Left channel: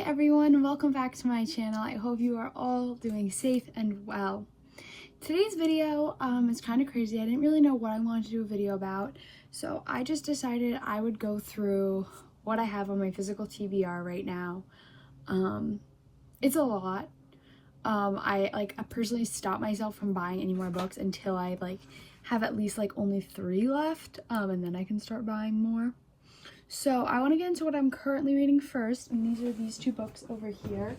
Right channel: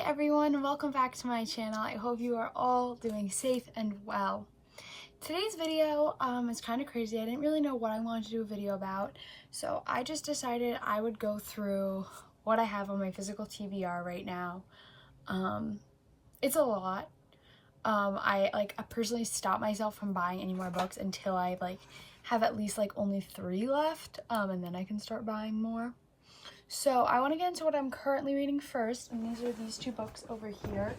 Hi everyone, welcome back to my channel. I hope you are all doing safe and well. Today's video is kind of crazy. I didn't really know what I wanted to do a video about, so I just decided I would go through what I have on my physical TBR right now. It's a lot. I personally stopped myself from buying any more books until I have at least only 3 left, and then I can start buying more. So I want to get into what I'm currently reading first, and these are these 2 books over here.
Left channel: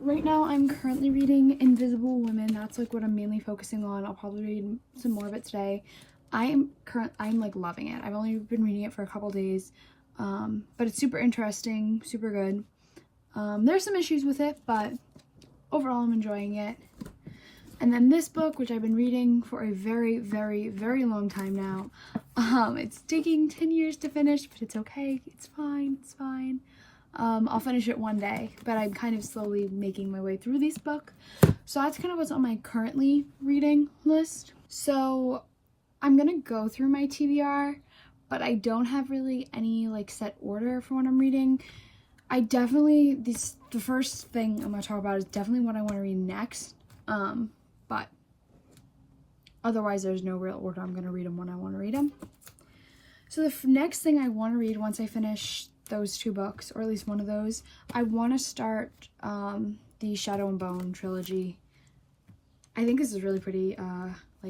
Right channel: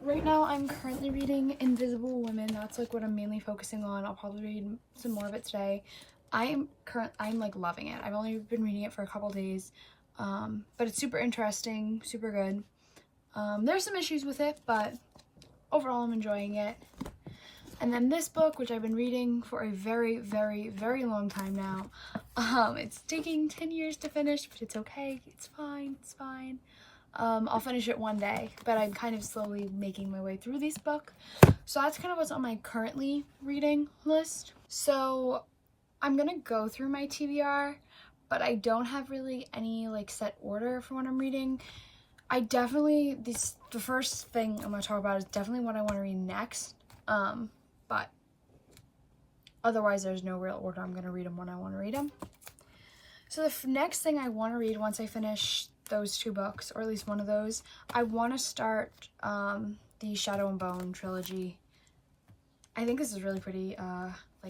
Right now I'm currently reading Invisible Women. That's what I'm mainly focusing on. I'll probably read some more of it today. I'm loving it. I've only been reading it for a couple days, but it's super interesting, super good. There's some issues with it, but overall I'm enjoying it. And then this book, which I've been reading for a very, very, very long time now. It's taking 10 years to finish, but it's okay. It's fine. It's fine. I'll finish it one day, but I'm kind of slowly making my way through this book. So that's kind of what's on my currently reading list. So I'm going to go through my TBR, but I don't have really any set order for what I'm reading. The first thing I'm going to talk about is definitely what I want to read next. But otherwise there's no real order. I'm going to read them when I want to read them. So the next thing I want to read once I finish those 2 books, or at least one of those, I want to start the Shadow and Bone trilogy. I think this is really pretty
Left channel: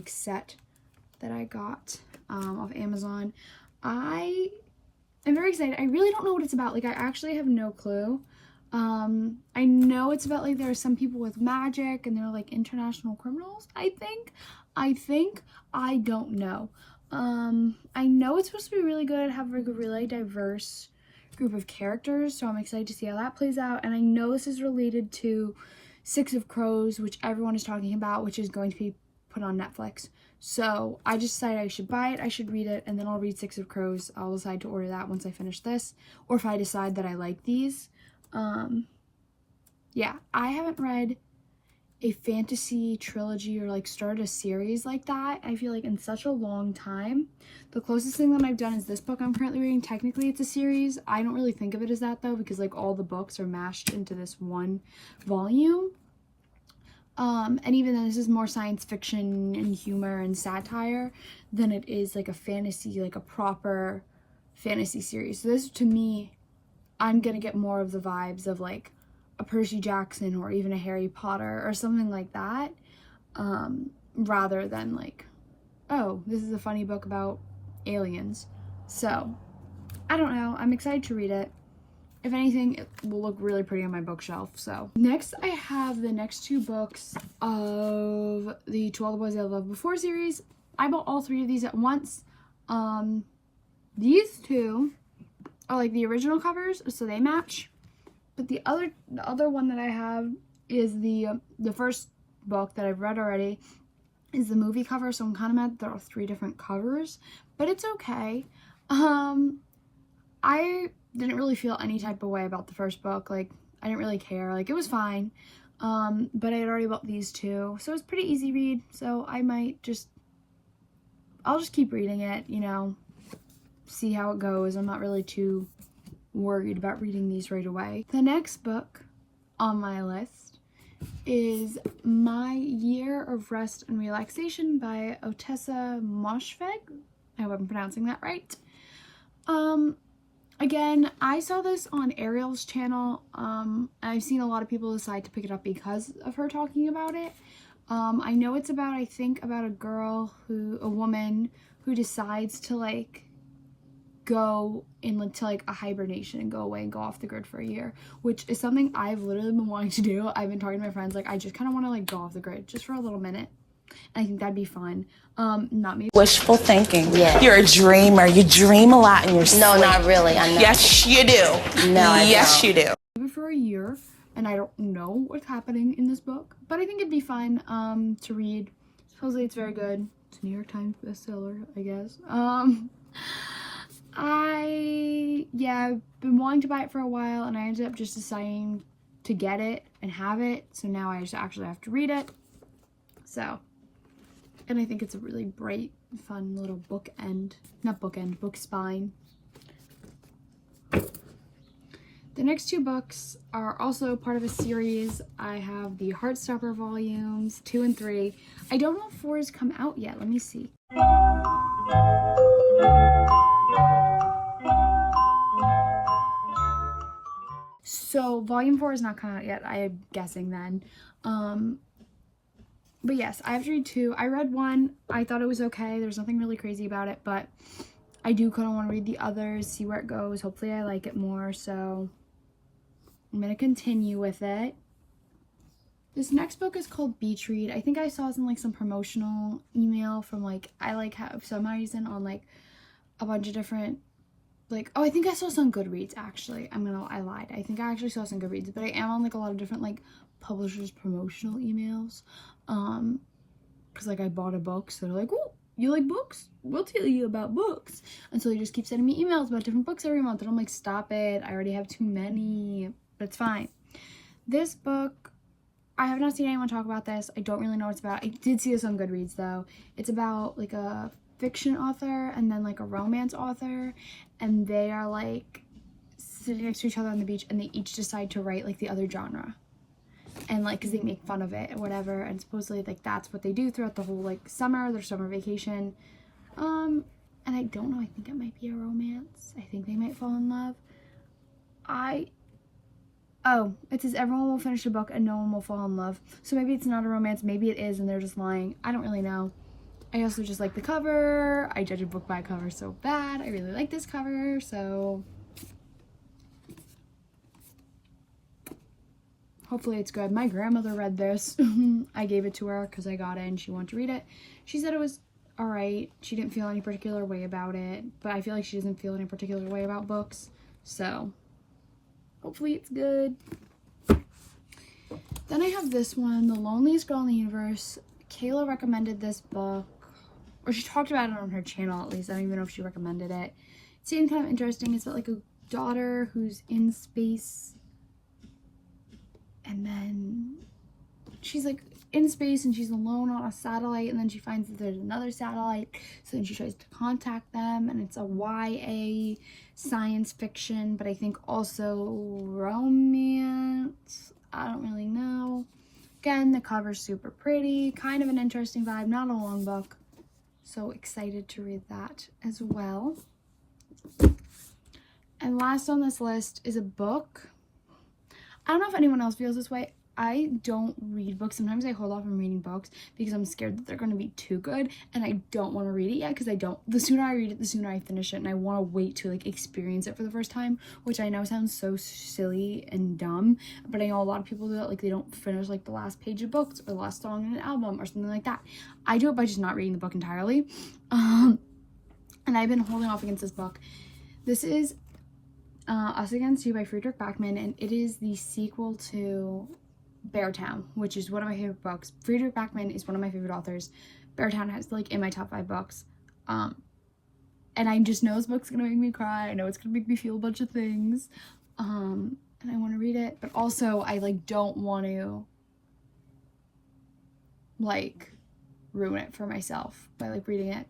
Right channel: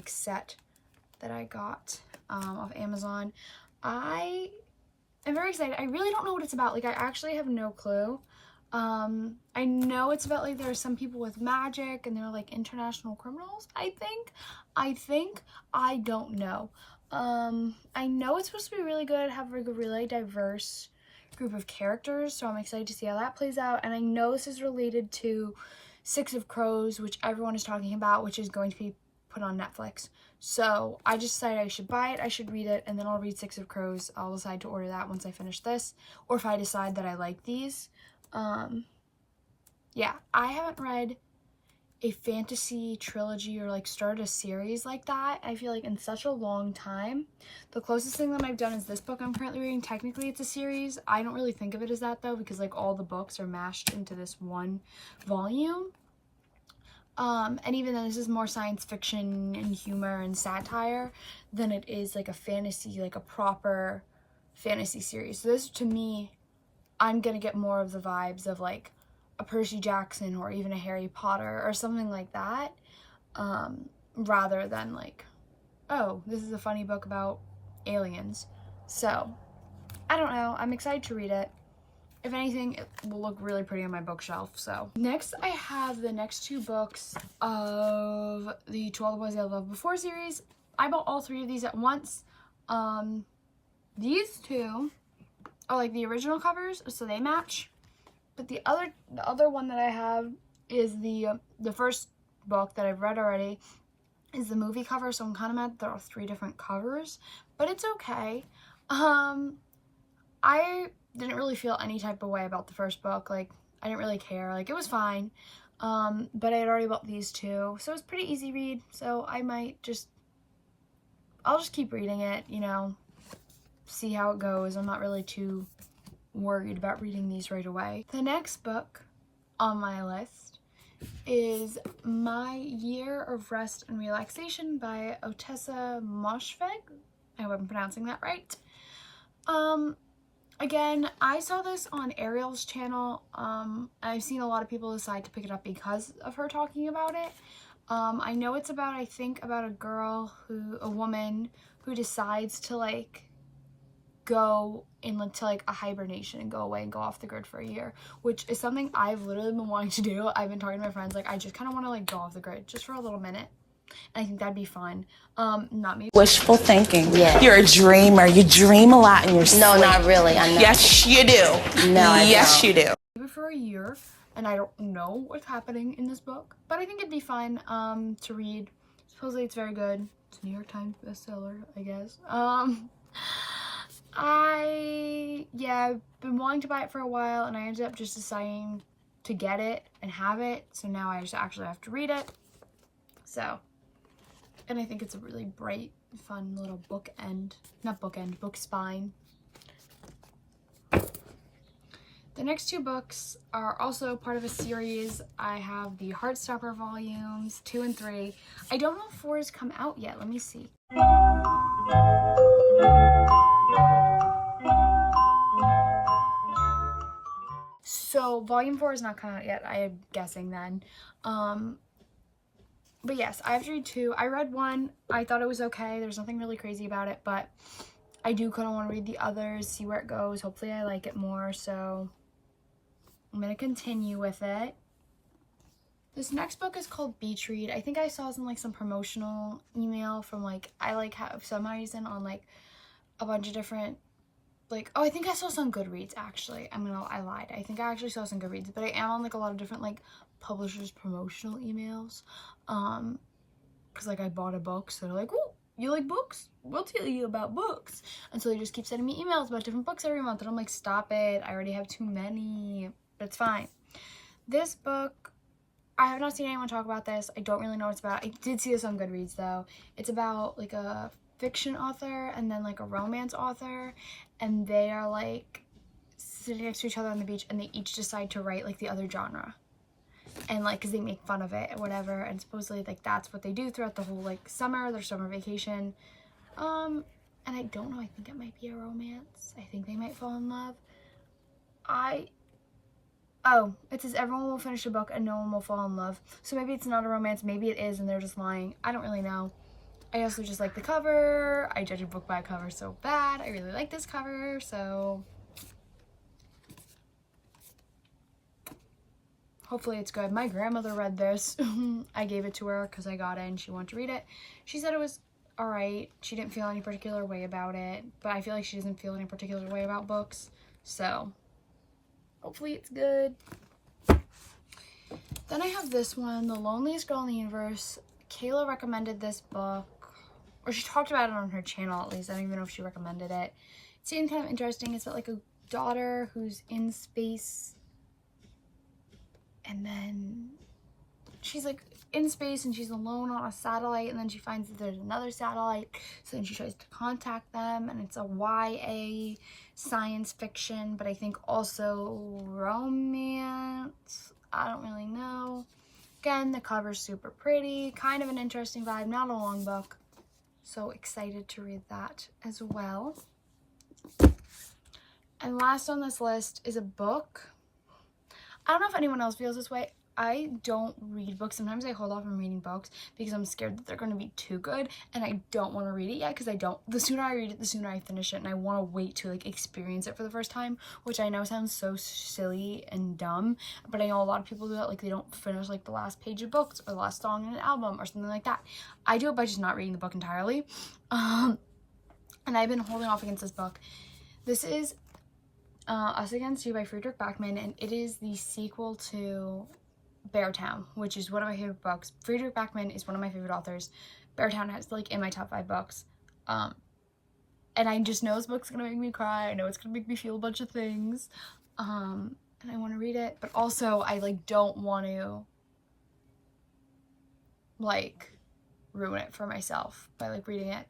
set that I got off Amazon. I am very excited. I really don't know what it's about. I actually have no clue. I know it's about there's some people with magic and they're international criminals, I think. I don't know. I know it's supposed to be really good, have a really diverse group of characters, so I'm excited to see how that plays out. And I know this is related to 6 of Crows, which everyone is talking about, which is going to be put on Netflix. So I just decided I should buy it, I should read it, and then I'll read 6 of Crows. I'll decide to order that once I finish this, or if I decide that I like these. Yeah, I haven't read a fantasy trilogy or started a series like that, I feel in such a long time. The closest thing that I've done is this book I'm currently reading. Technically it's a series. I don't really think of it as that though, because all the books are mashed into this one volume. And even though this is more science fiction and humor and satire than it is a fantasy, a proper fantasy series. So this, to me, I'm gonna get more of the vibes of a Percy Jackson or even a Harry Potter or something like that, rather than oh, this is a funny book about aliens. So I don't know, I'm excited to read it. If anything, it will look really pretty on my bookshelf. So next I have the next 2 books of the To All the Boys I Loved Before series. I bought all 3 of these at once. These 2 are the original covers, so they match. But the other one that I have is the first book that I've read already is the movie cover, so I'm kind of mad there are 3 different covers, but it's okay. I didn't really feel any type of way about the first book. I didn't really care. It was fine. But I had already bought these 2, so it was pretty easy read. So I'll just keep reading it, see how it goes. I'm not really too worried about reading these right away. The next book on my list is My Year of Rest and Relaxation by Otessa Moshfegh. I hope I'm pronouncing that right. Again, I saw this on Ariel's channel. I've seen a lot of people decide to pick it up because of her talking about it. I know it's about, I think, about a woman who decides to go into a hibernation and go away and go off the grid for a year, which is something I've literally been wanting to do. I've been talking to my friends, I just kind of want to go off the grid just for a little minute. I think that'd be fun. Not me. Wishful thinking. Yeah. You're a dreamer. You dream a lot in your sleep. No, not really. I know. Yes, you do. No, I yes, don't. you do. For a year, and I don't know what's happening in this book, but I think it'd be fun to read. Supposedly it's very good. It's a New York Times bestseller, I guess. I've been wanting to buy it for a while, and I ended up just deciding to get it and have it, so now I just actually have to read it. So, and I think it's a really bright, fun little book spine. The next two books are also part of a series. I have the Heartstopper volumes 2 and 3. I don't know if 4 has come out yet. Let me see. So volume 4 has not come out yet, I'm guessing then. But yes, I have to read 2. I read 1. I thought it was okay. There's nothing really crazy about it, but I do kind of want to read the others, see where it goes. Hopefully I like it more, so I'm going to continue with it. This next book is called Beach Read. I think I saw some like some promotional email from like, I like have some reason on like a bunch of different, like, oh, I think I saw some Goodreads actually. I lied. I think I actually saw some Goodreads, but I am on like a lot of different like publishers promotional emails. Cause like I bought a book, so they're like, oh, you like books? We'll tell you about books. And so they just keep sending me emails about different books every month, and I'm like, stop it. I already have too many, but it's fine. This book, I have not seen anyone talk about this. I don't really know what it's about. I did see this on Goodreads though. It's about like a fiction author and then like a romance author, and they are like sitting next to each other on the beach, and they each decide to write like the other genre, and like because they make fun of it and whatever, and supposedly like that's what they do throughout the whole like summer, their summer vacation. And I don't know, I think it might be a romance. I think they might fall in love. Oh, it says everyone will finish a book and no one will fall in love. So maybe it's not a romance, maybe it is and they're just lying. I don't really know. I also just like the cover. I judge a book by a cover so bad. I really like this cover, so hopefully it's good. My grandmother read this. I gave it to her because I got it and she wanted to read it. She said it was alright. She didn't feel any particular way about it, but I feel like she doesn't feel any particular way about books, so hopefully it's good. Then I have this one, The Loneliest Girl in the Universe. Kayla recommended this book, or she talked about it on her channel at least. I don't even know if she recommended it. It seemed kind of interesting. It's about like a daughter who's in space, and then she's like in space and she's alone on a satellite, and then she finds that there's another satellite, so then she tries to contact them, and it's a YA science fiction, but I think also romance. I don't really know. Again, the cover's super pretty, kind of an interesting vibe, not a long book. So excited to read that as well. And last on this list is a book. I don't know if anyone else feels this way. I don't read books. Sometimes I hold off on reading books because I'm scared that they're going to be too good, and I don't want to read it yet because the sooner I read it, the sooner I finish it, and I want to wait to like experience it for the first time, which I know sounds so silly and dumb, but I know a lot of people do that. Like they don't finish like the last page of books or the last song in an album or something like that. I do it by just not reading the book entirely. And I've been holding off against this book. This is Us Against You by Friedrich Backman, and it is the sequel to Beartown, which is one of my favorite books. Friedrich Backman is one of my favorite authors. Beartown has like in my top 5 books. And I just know this book's gonna make me cry. I know it's gonna make me feel a bunch of things. And I want to read it, but also I like don't want to like ruin it for myself by like reading it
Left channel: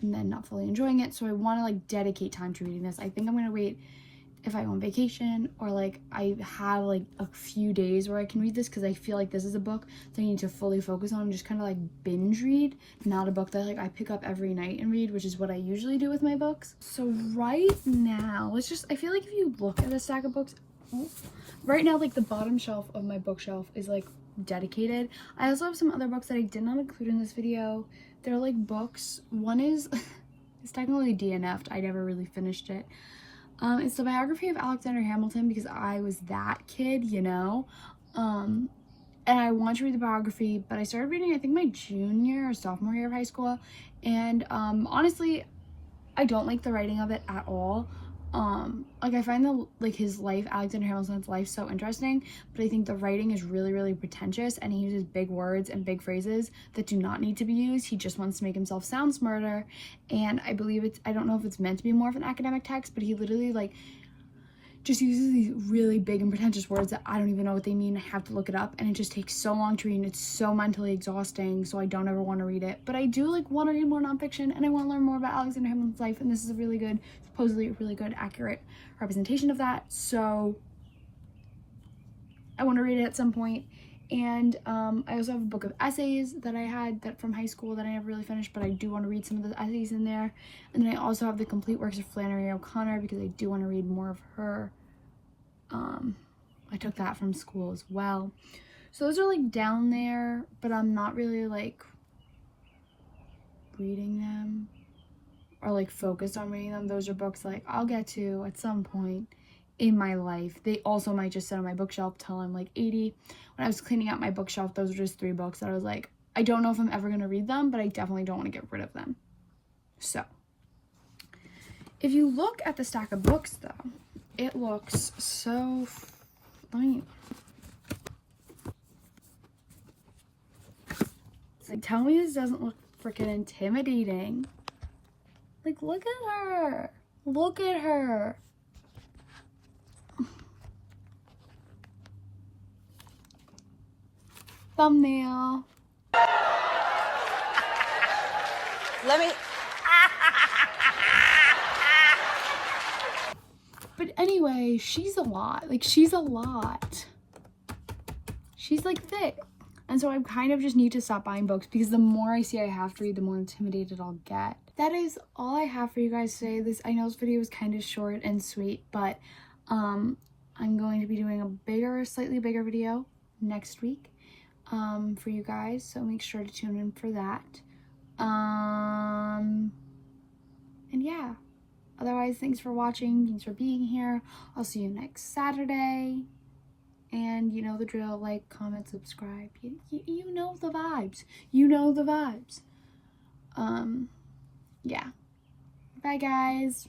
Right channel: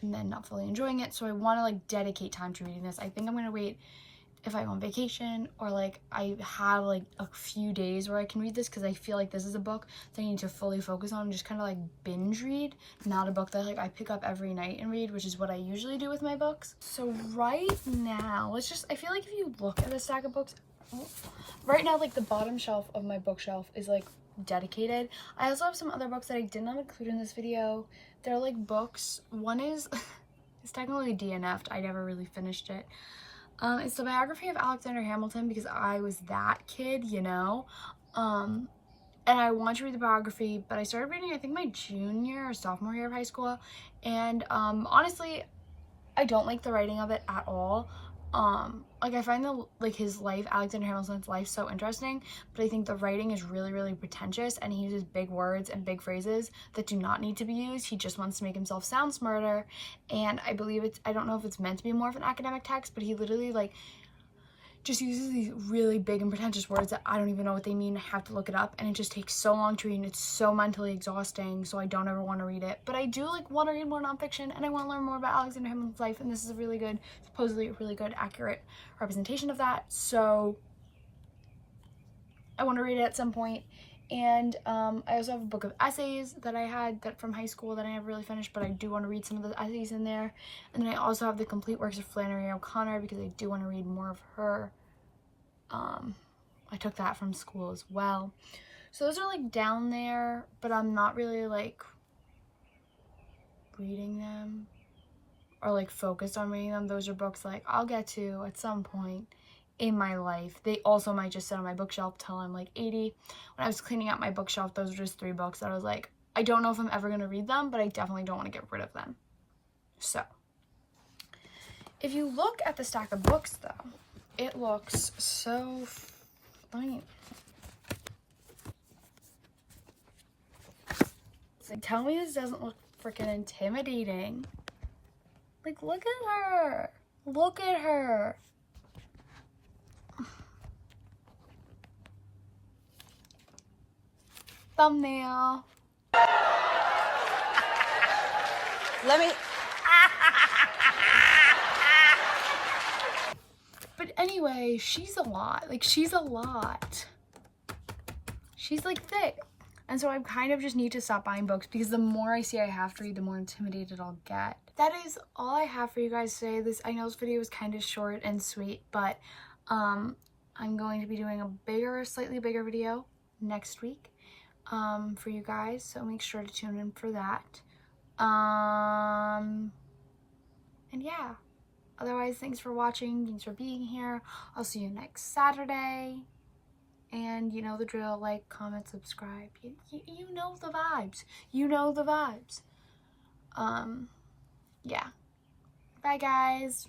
and then not fully enjoying it. So I want to like dedicate time to reading this. I think I'm gonna wait if I'm on vacation, or like I have like a few days where I can read this, because I feel like this is a book that I need to fully focus on and just kind of like binge read, not a book that like I pick up every night and read, which is what I usually do with my books. So right now, I feel like if you look at the stack of books, right now like the bottom shelf of my bookshelf is like dedicated. I also have some other books that I did not include in this video. They're like books. One is it's technically DNF'd. I never really finished it. It's the biography of Alexander Hamilton, because I was that kid, you know, and I want to read the biography, but I started reading, I think, my junior or sophomore year of high school, and honestly, I don't like the writing of it at all. Like I find his life, Alexander Hamilton's life, so interesting, but I think the writing is really, really pretentious, and he uses big words and big phrases that do not need to be used. He just wants to make himself sound smarter, and I believe I don't know if it's meant to be more of an academic text, but he literally like just uses these really big and pretentious words that I don't even know what they mean. I have to look it up, and it just takes so long to read, and it's so mentally exhausting, so I don't ever want to read it. But I do like want to read more nonfiction, and I want to learn more about Alexander Hamilton's life, and this is a really good, supposedly a really good, accurate representation of that. So I want to read it at some point. And I also have a book of essays that I had from high school that I never really finished, but I do want to read some of the essays in there. And then I also have the complete works of Flannery O'Connor because I do want to read more of her. I took that from school as well. So those are like down there, but I'm not really like reading them or like focused on reading them. Those are books like I'll get to at some point in my life. They also might just sit on my bookshelf till I'm like 80. When I was cleaning out my bookshelf, those were just 3 books that I was like, I don't know if I'm ever going to read them, but I definitely don't want to get rid of them. So if you look at the stack of books though, it looks so fine. It's like, tell me this doesn't look freaking intimidating. Like, look at her. Look at her. Thumbnail. Let me. But anyway, she's a lot. Like, she's a lot. She's like thick. And so I kind of just need to stop buying books because the more I see I have to read, the more intimidated I'll get. That is all I have for you guys today. I know this video was kind of short and sweet, but I'm going to be doing a slightly bigger video next week for you guys. So make sure to tune in for that. And yeah. Otherwise, thanks for watching. Thanks for being here. I'll see you next Saturday. And you know the drill, like, comment, subscribe. You know the vibes. You know the vibes. Yeah. Bye, guys.